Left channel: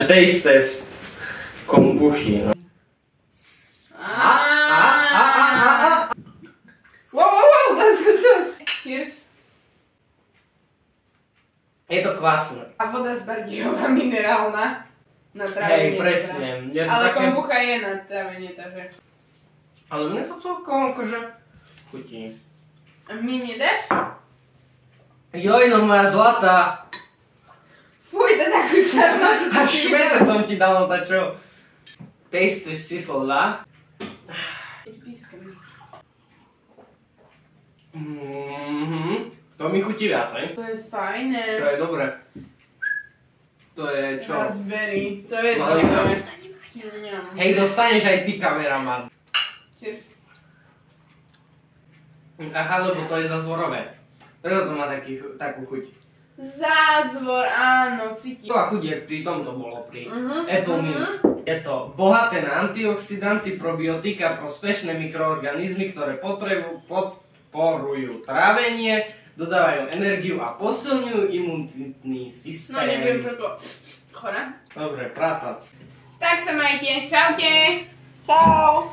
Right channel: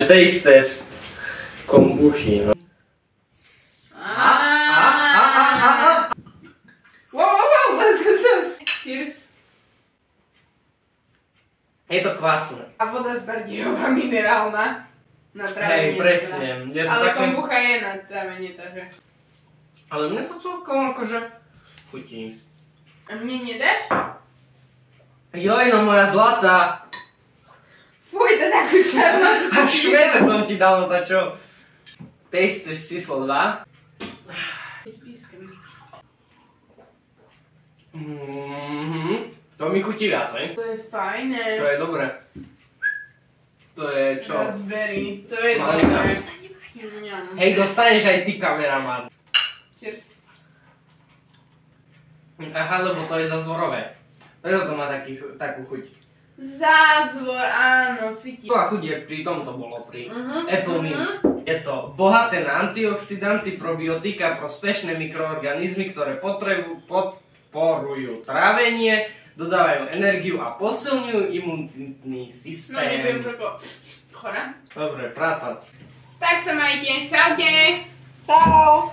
Taste test kombuchy. No. Wow, das. Cheers. Je to kvasné. A voda z Bardejova minerálna. Na trávenie. Hej, presne. Je to ale také... kombucha je na trávenie, takže. Ale mne to celkom akože chutí. A mne nedáš? Joj, no moja zlatá. Fuj, to takú šarmatu. A švece som ti dal, no tá čo? Taste test číslo 2. Je spískaný. To mi chutí viac, ne? To je fajné. To je dobré. To je čo? Raspberry, to je Malina. dobré. Hej, dostaneš aj ty, kameraman. Cheers. Aha, lebo to je zázvorové. Preto to má takú chuť. Zázvor, áno, cítim. To a chuť je pri tomto bolo, pri Apple Mint. Je to bohaté na antioxidanty, probiotika, prospešné mikroorganizmy, ktoré podporujú trávenie, dodávajú energiu a posilňujú imunitný systém. No nebudem toľko chora. Dobre, prátac. Tak sa majte, čaute. Čau.